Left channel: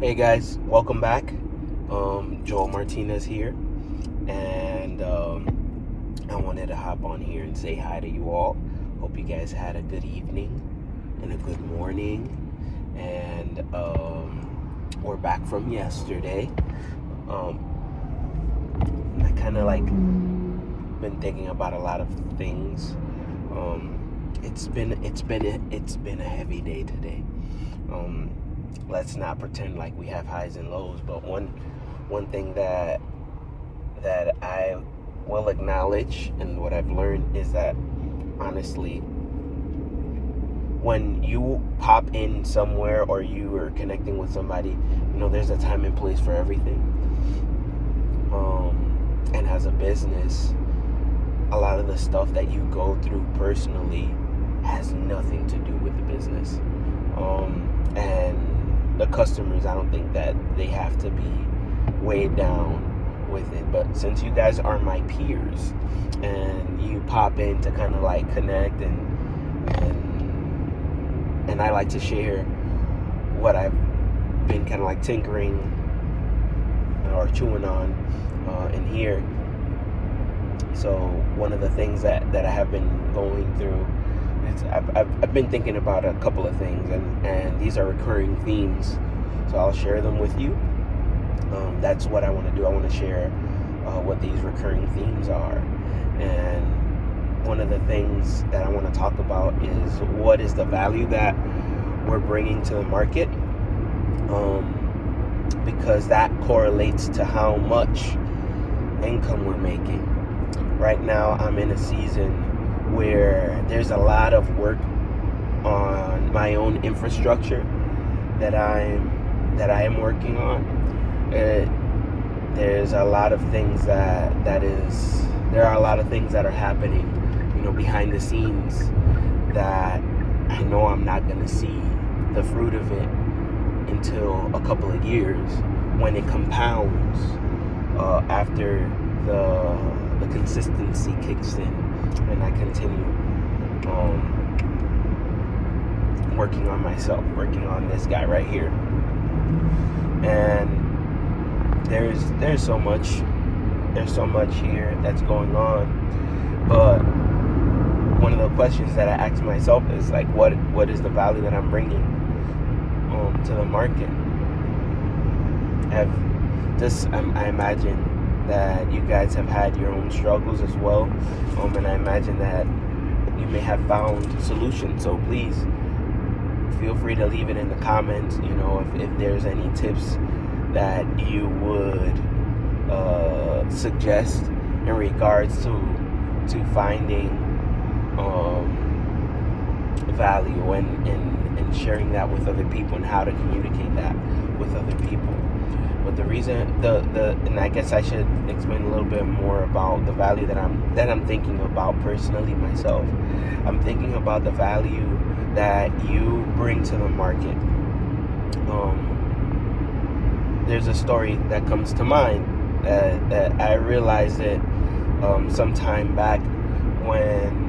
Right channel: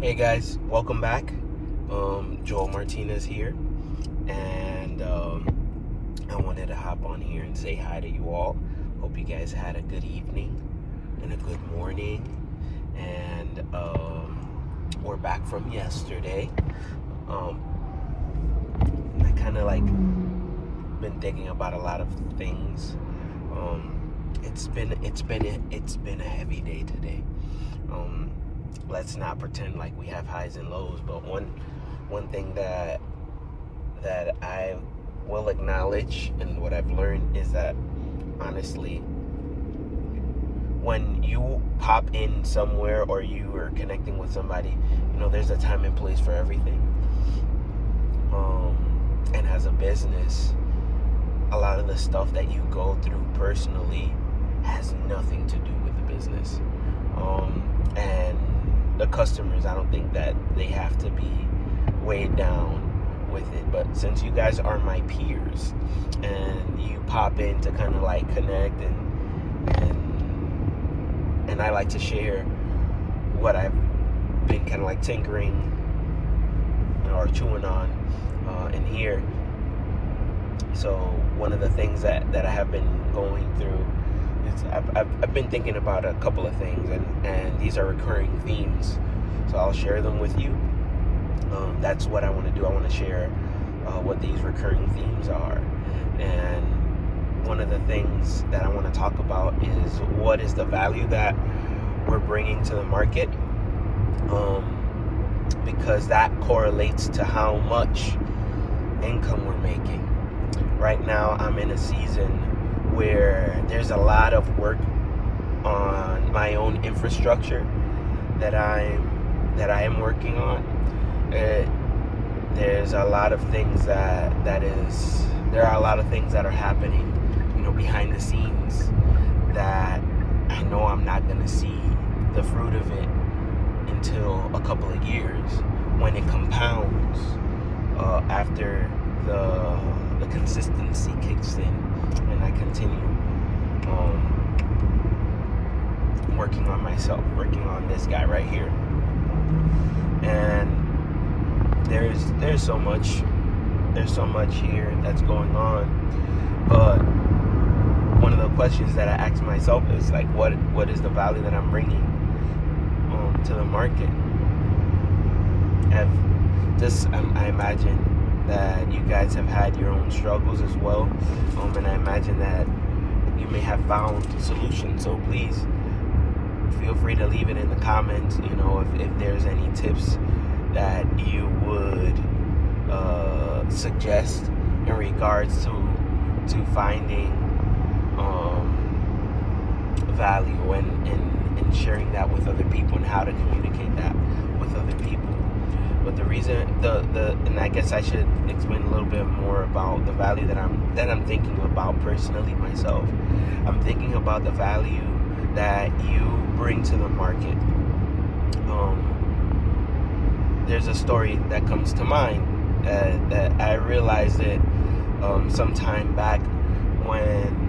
Hey guys, welcome back. Joel Martinez here, and I wanted to hop on here and say hi to you all. Hope you guys had a good evening and a good morning, and we're back from yesterday. I kind of been thinking about a lot of things. It's been a heavy day today. Let's not pretend like we have highs and lows, but one thing that I will acknowledge and what I've learned is that honestly, when you pop in somewhere or you are connecting with somebody, there's a time and place for everything. And as a business, a lot of the stuff that you go through personally has nothing to do with the business. And the customers, I don't think that they have to be weighed down with it. But since you guys are my peers and you pop in to kind of connect and I like to share what I've been kind of tinkering or chewing on in here. So one of the things that I have been going through is I've been thinking about a couple of things, and these are recurring themes, so I'll share them with you. That's what I want to do. I want to share what these recurring themes are, and one of the things that I want to talk about is what is the value that we're bringing to the market, because that correlates to how much income we're making. Right now, I'm in a season where there's a lot of work on my own infrastructure that I am working on. There's a lot of things there are a lot of things that are happening, behind the scenes that I know I'm not going to see the fruit of it until a couple of years when it compounds after the consistency kicks in and I continue working on myself, working on this guy right here. And there's so much here that's going on, but one of the questions that I ask myself is what is the value that I'm bringing to the market? I imagine that you guys have had your own struggles as well, and I imagine that you may have found solutions. So please feel free to leave it in the comments. If there's any tips that you would suggest in regards to finding value and sharing that with other people and how to communicate that with other people. But the reason, and I guess I should explain a little bit more about the value that I'm thinking about personally myself. I'm thinking about the value that you bring to the market. There's a story that comes to mind that I realized it some time back when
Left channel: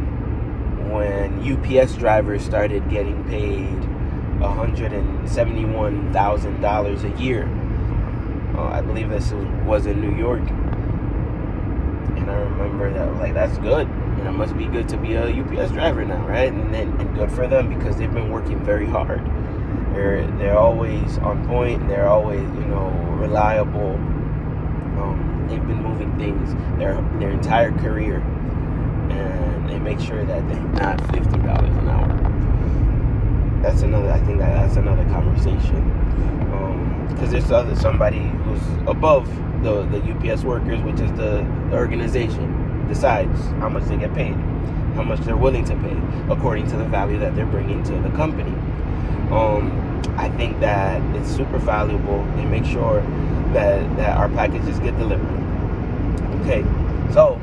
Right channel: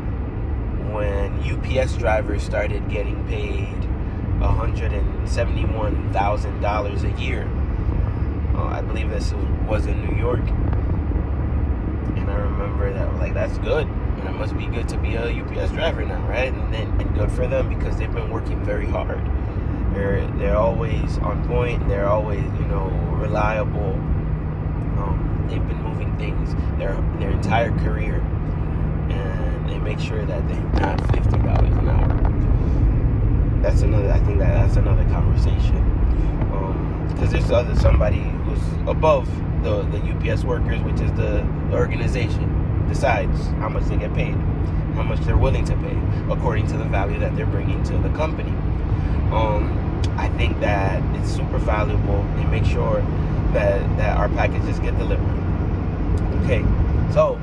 UPS drivers started getting paid $171,000 a year. I believe this was in New York, and I remember that that's good. It must be good to be a UPS driver now, right? And good for them because they've been working very hard. They're always on point. They're always reliable. They've been moving things their entire career, and they make sure that they're not $50 an hour. That's another. I think that's another conversation. Because there's somebody who's above the UPS workers, which is the organization, decides how much they get paid, how much they're willing to pay, according to the value that they're bringing to the company. I think that it's super valuable and make sure that our packages get delivered. Okay, so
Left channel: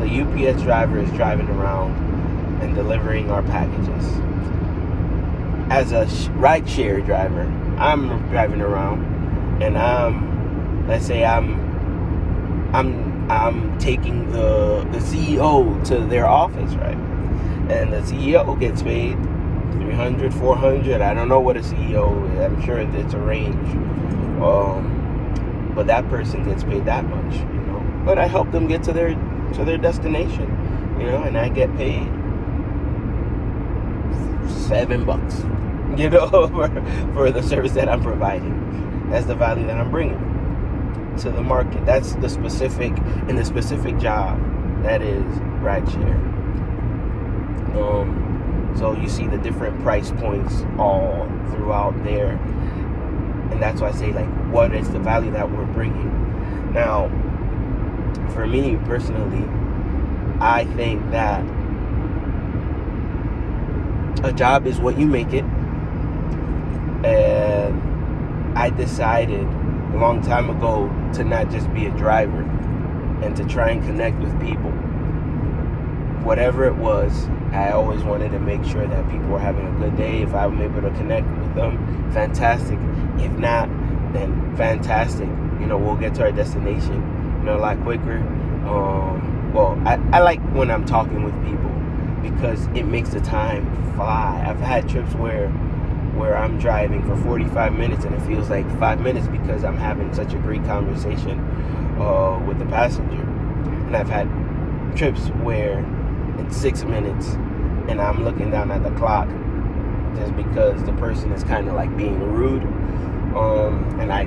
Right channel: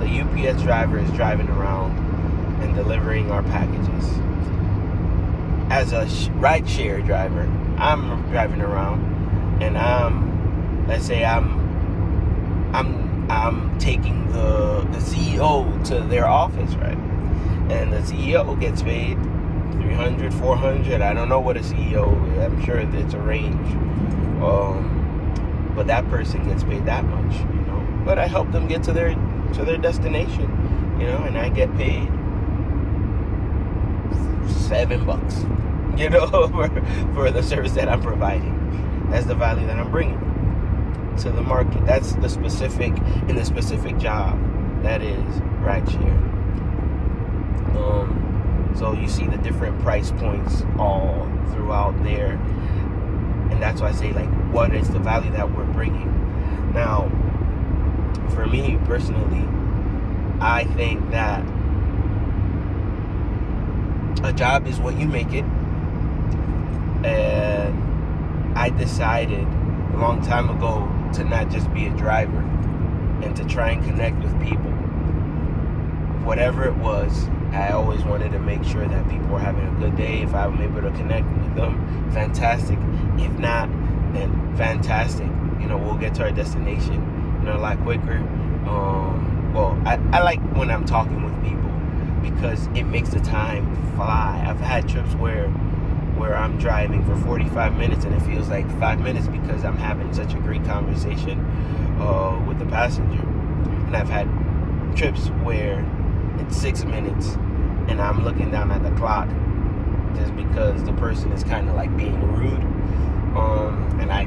the UPS driver is driving around and delivering our packages. As a ride-share driver, I'm driving around, and let's say I'm taking the CEO to their office, right? And the CEO gets paid 300, 400. I don't know what a CEO is. I'm sure it's a range. But that person gets paid that much, But I help them get to their destination, and I get paid $7, for the service that I'm providing. That's the value that I'm bringing to the market. That's the specific job that is rideshare. So you see the different price points all throughout there, and that's why I say, like, what is the value that we're bringing? Now, for me personally, I think that a job is what you make it, and I decided a long time ago to not just be a driver and to try and connect with people. Whatever it was, I always wanted to make sure that people were having a good day. If I'm able to connect with them, fantastic. If not, then fantastic. We'll get to our destination, a lot quicker. I like when I'm talking with people because it makes the time fly. I've had trips where I'm driving for 45 minutes and it feels like 5 minutes because I'm having such a great conversation with the passenger. And I've had trips where it's 6 minutes and I'm looking down at the clock just because the person is kind of like being rude, and I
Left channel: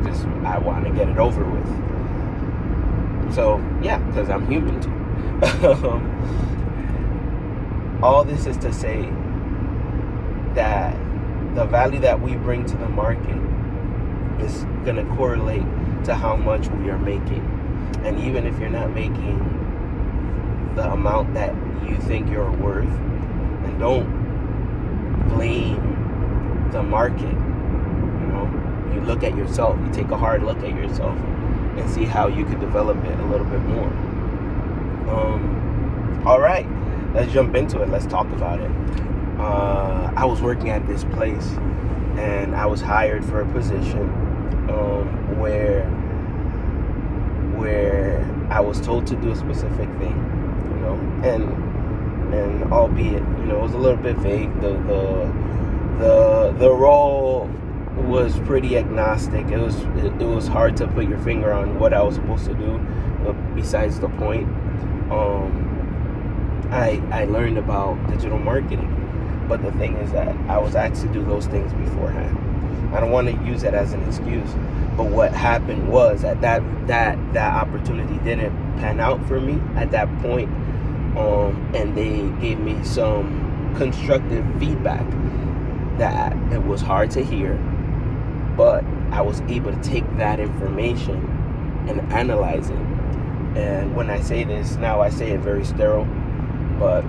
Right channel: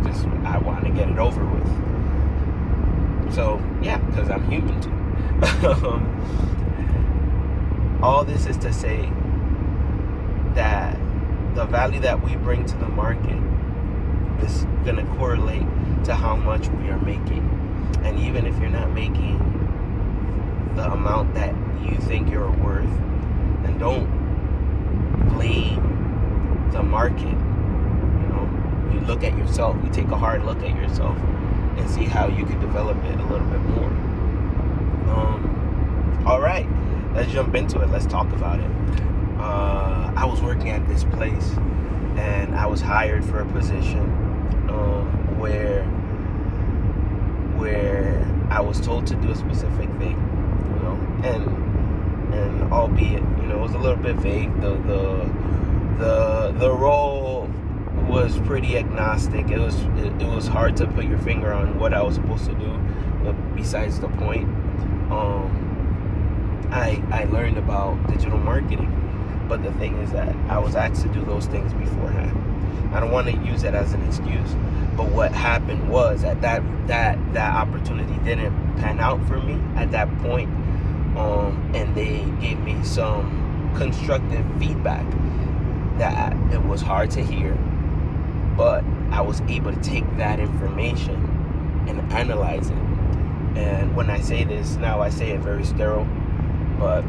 want to get it over with. So yeah, because I'm human too. All this is to say that the value that we bring to the market is going to correlate to how much we are making. And even if you're not making the amount that you think you're worth, then don't blame the market. You look at yourself, you take a hard look at yourself and see how you could develop it a little bit more. All right, let's jump into it. Let's talk about it. I was working at this place and I was hired for a position where I was told to do a specific thing, and albeit, it was a little bit vague. The role was pretty agnostic. It was hard to put your finger on what I was supposed to do, besides the point. I learned about digital marketing, but the thing is that I was asked to do those things beforehand. I don't want to use that as an excuse, but what happened was that opportunity didn't pan out for me at that point, and they gave me some constructive feedback that it was hard to hear, but I was able to take that information and analyze it. And when I say this now, I say it very sterile, but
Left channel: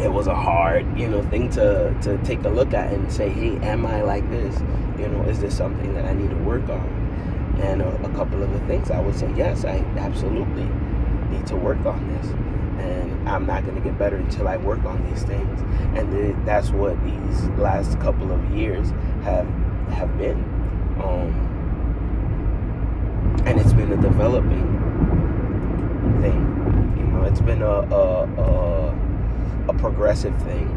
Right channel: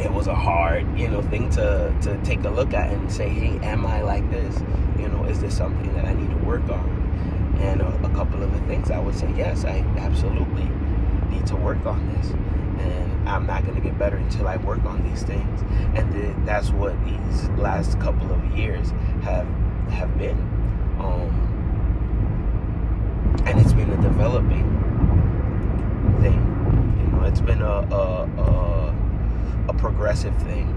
it was a hard, thing to take a look at and say, hey, am I like this? Is this something that I need to work on? And a couple of the things I would say, yes, I absolutely need to work on this. And I'm not going to get better until I work on these things. And that's what these last couple of years have been. And it's been a developing thing. It's been a progressive thing,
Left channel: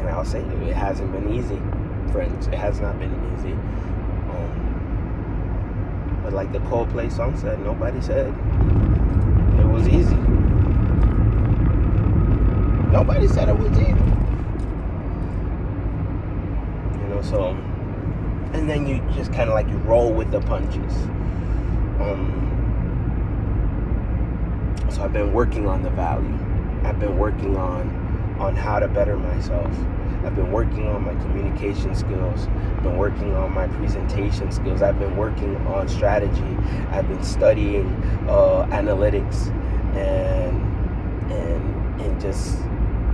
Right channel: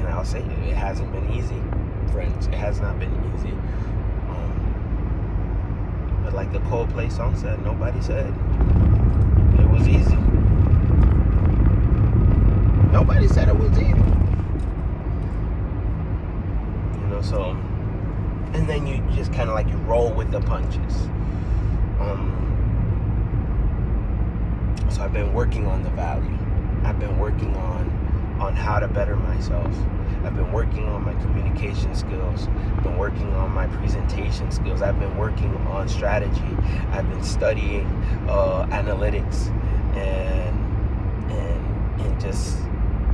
and I'll say that it hasn't been easy, friends. It has not been easy. But like the Coldplay song said, nobody said it was easy. Nobody said it was easy. So, and then you just kind of like you roll with the punches. So I've been working on the value. I've been working on how to better myself. I've been working on my communication skills. I've been working on my presentation skills. I've been working on strategy. I've been studying analytics and just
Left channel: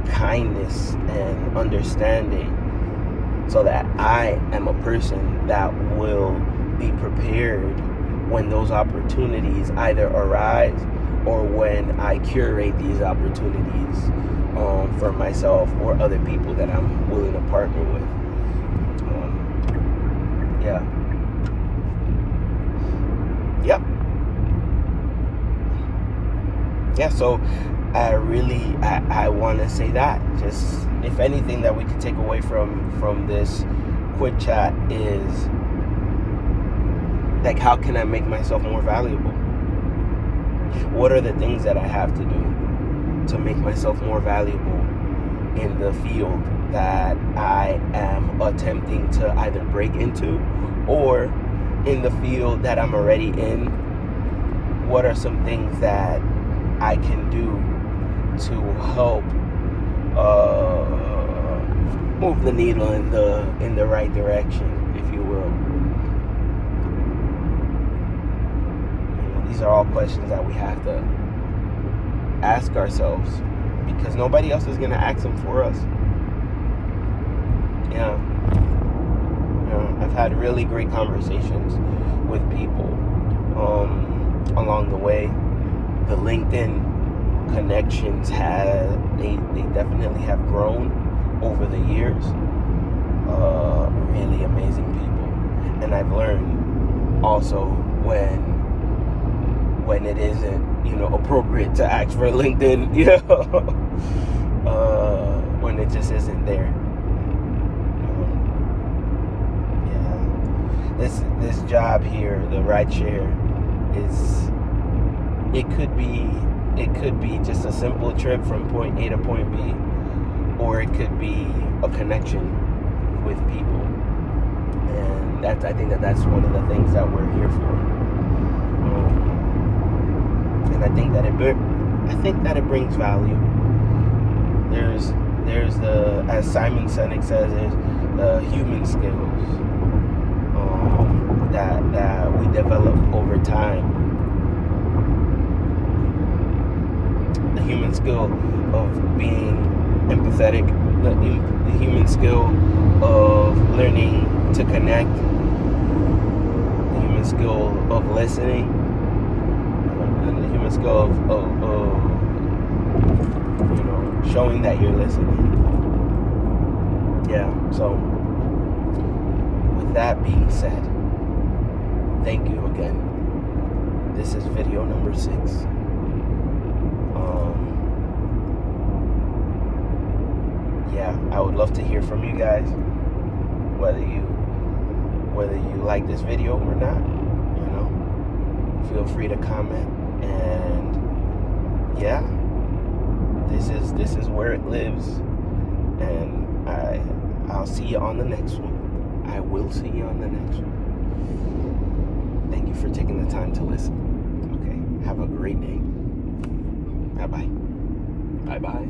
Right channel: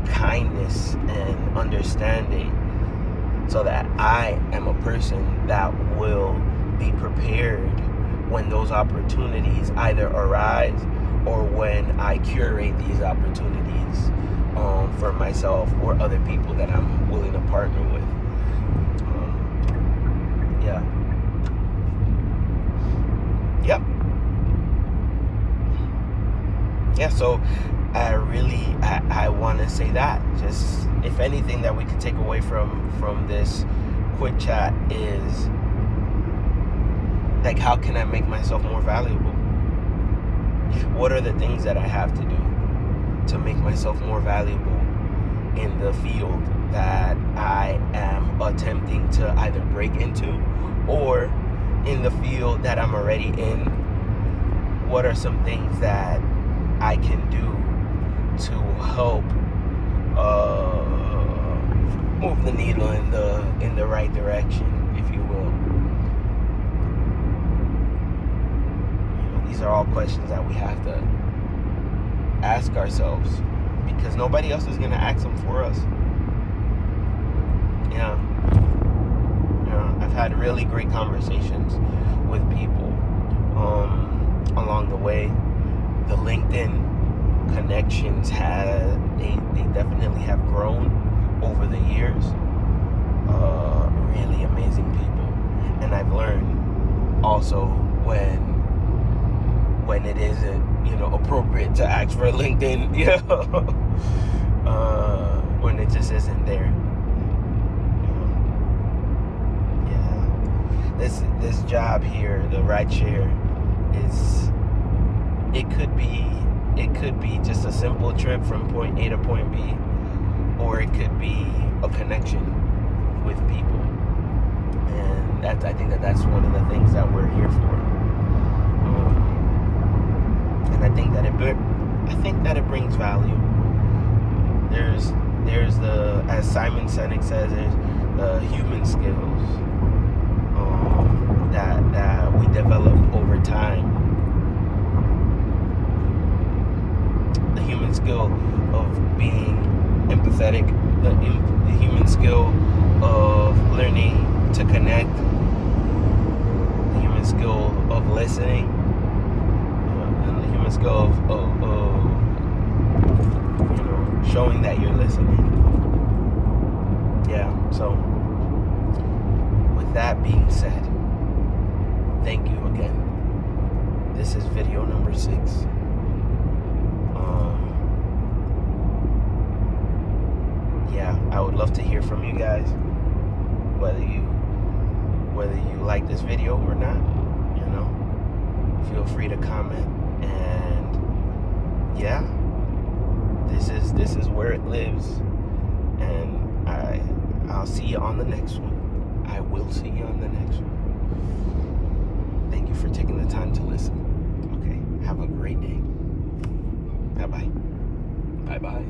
kindness and understanding, so that I am a person that will be prepared when those opportunities either arise or when I curate these opportunities for myself or other people that I'm willing to partner with. Yeah, so I want to say that. Just, if anything that we could take away from this quick chat is, like, how can I make myself more valuable? What are the things that I have to do to make myself more valuable in the field that I am attempting to either break into, or in the field that I'm already in? What are some things that I can do to help move the needle in the right direction, if you will? These are all questions that we have to ask ourselves, because nobody else is going to ask them for us. Yeah. I've had really great conversations with people along the way. The LinkedIn connections they definitely have grown over the years. Really amazing people. And I've learned also when it isn't, appropriate to ask for LinkedIn, when it just isn't there. This job here, the rideshare, it could be just a simple trip from point A to point B, or it could be a connection with people. And I think that's one of the things that we're here for. And I think that it brings value. There's the, as Simon Sinek says, there's the human skills that we develop over time. The human skill of being empathetic, the human skill of learning to connect, the human skill of listening, and the human skill of showing that you're listening. Yeah, so with that being said, thank you again. This is video number 6. I would love to hear from you guys, whether you like this video or not. Feel free to comment. And yeah, this is where it lives. And I'll see you on the next one. I will see you on the next one. Thank you for taking the time to listen. Okay, have a great day. Bye-bye. Bye-bye.